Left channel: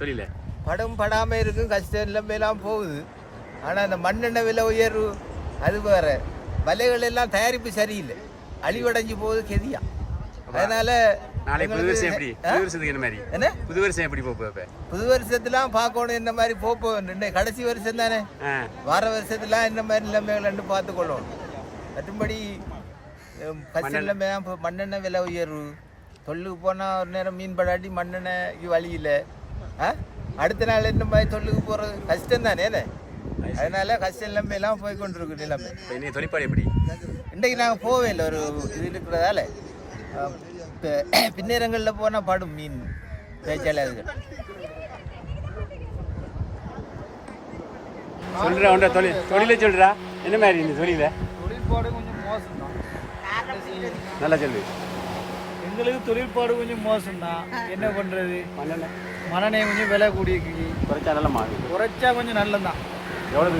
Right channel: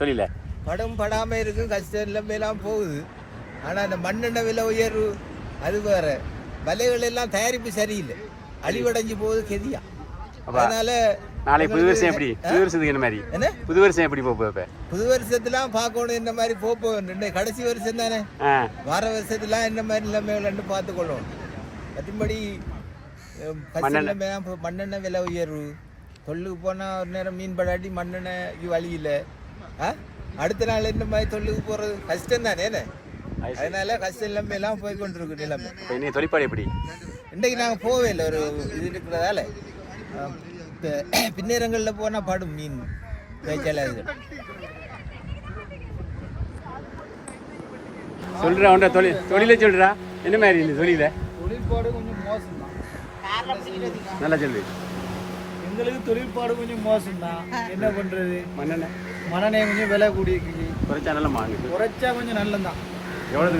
தொழில படம் படாமல் இருக்கும், கஷ்டம் எல்லாம் போகுது. ஆனால் இந்த மண்ணெண்ணெய் விலை உயர்வு அது வேற, விலைகள் எல்லாம் தயாரிப்பு சரியில்லை, அழிவடைஞ்சு போகுது கெதியா. அதனால நாளைக்கு புது வருஷம் எப்படி, புது வருஷத்துக்கு என்ன மாதிரி என்ன புது வருஷம் எப்படி போப்ப? புது வருஷத்துலாம் பார்க்கணும் என்ன மாதிரி போப்போம். கடைசி வருஷம் தானே, வார வருஷத்துலாம் என்ன மாதிரி நிலைமைகள்னு பார்த்துக்கொள்ளணும். மற்றும்படி மண்ணெண்ணெய் விலை உயர்வு, தொல்லுக்கு போனால் ஒரு நேரம் மீன் படாட்டி மண்ணெண்ணெய்க்கு வழி இல்லை. அடுத்த நாள் இந்த மாதிரி தொல்லுக்கு போகிறது கஷ்டம் தானே. அதனால கஷ்டம் நிலைமை எல்லாம் போய் கொண்டிருக்கு நிலைமை. இன்னைக்கு தொழிற்பாடு எப்படி? இன்றைக்கு நாங்கள் போவே இல்லை, ஒரு இது இருக்கிறதால பின்னேரங்களில் போனால் படும் மீன் பேச்சாளர்கள். சொல்றா உண்ட தொழில சொல்றா என்ன மாதிரி இந்த தொழில? தொழில்பாடு கொஞ்சம் மோசம்தான். நல்லா சொல்லு. எங்களுக்கு தொழில்பாடு கொஞ்சம் மோசம்தான். என்ன பண்றது? மண்ணெண்ணெய் கொஞ்சம் விலை கூடியிருக்கு. குறைச்சா நல்ல மாதிரி, குறைச்சா கொஞ்சம் நல்லதான்.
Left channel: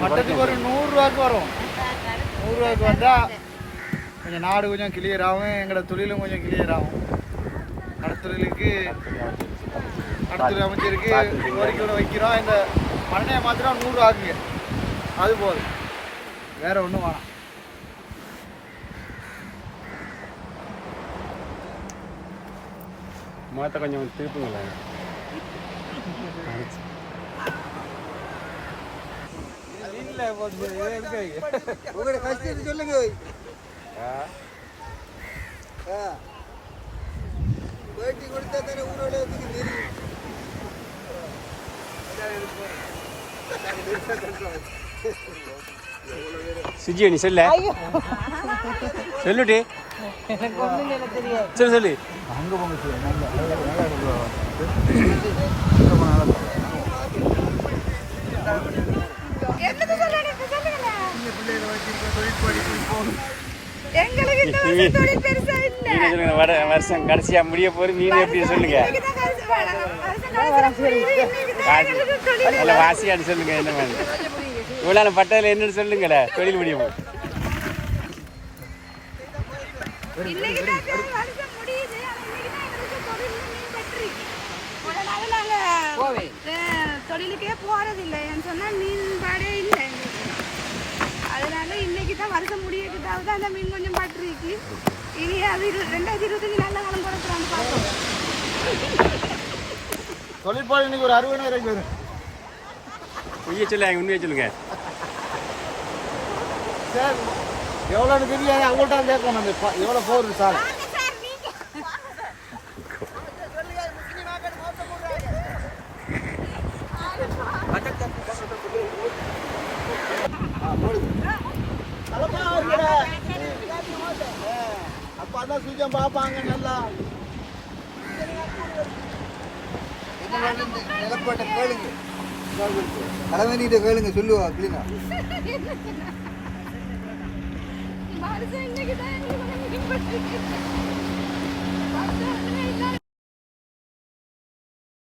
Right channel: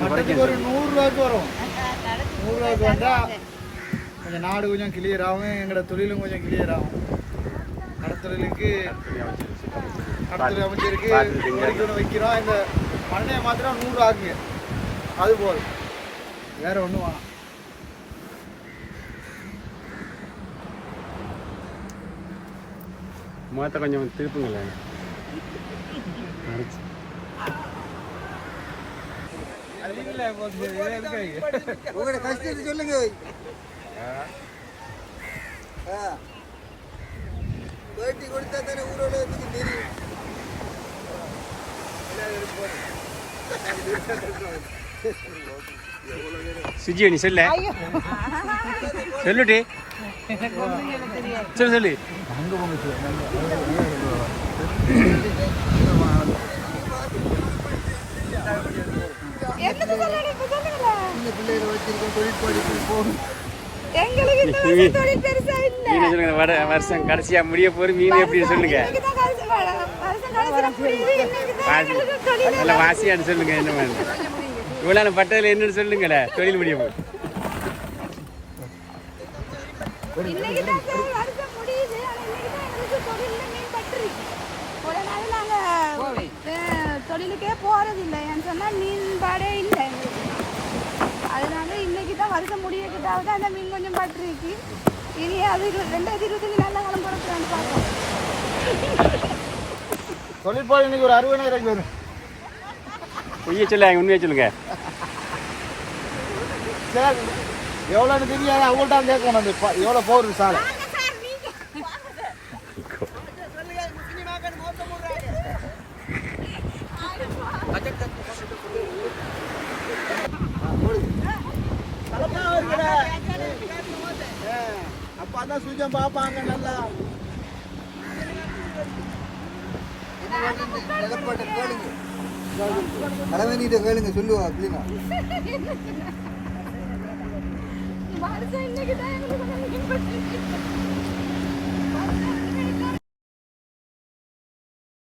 மட்டத்துக்கு ஒரு 100 ரூபாய்க்கு வரும். 100 ரூபாய்க்கு வந்தால் கொஞ்சம் நாடு கொஞ்சம் கிளியர் ஆகும், எங்களோட தொழிலும் கொஞ்சம் கிளியர் ஆகும். கடத்தலுக்கு கடத்தல் அமைச்சிருக்கு, கோரிக்கை வைக்கிறோம். இந்த மண்ணெண்ணெய் மாத்திரம் 100 ஆகுங்க, அது போதும், வேற ஒன்றும் வேணாம். முகத்தை கொஞ்சம் திருப்புங்களேன். சொல்லுங்க. சுஜி நீ சொல்ல சொல்லுடி, சரி சொல்லு. அங்கே போங்க பிள்ளைகளை வச்சிருக்கோம், தொழிற்பாடி போகும். வருஷம் கடைசியா முடிய போற மீன் எப்படி சொல்லுங்க, நல்ல வாசியான்னு சொல்லுங்க. என்ன மாதிரி இவ்வளவு பட்டதுல என்னன்னு சொல்லுங்கள, தொழில் முடியும். தொழிலுக்கே போறதில்லை சொன்னா மீன்பாடே இல்லை எங்களுக்கு. அதனால இன்னைக்கு தான் வருஷம் முடியக்கிட்டாவது அந்த மீன் கொஞ்சம் பட்டிருக்கு. இனி அது 2025 நல்ல காலம் பிறக்கிறான்னு பார்த்தோம். தொழிற்பாடு இன்னைக்கு ஒரு 60,000 வரும். பொய்ய சொல்ல உண்மையை சொல்லுங்க. சார் எவ்வளோன்னு தெரியாது, அவங்கள்ட்ட கேட்கணும். அந்த எவ்வளோ போகுது சார்? அப்போ அதான் சுஜம் பார்ப்பாங்க நல்லா. நிலப்பாட்டை கேளுங்க, தலைவனிட்ட கேளுங்க, சொல்லுவா அப்படின்னா. இன்னைக்கு தான்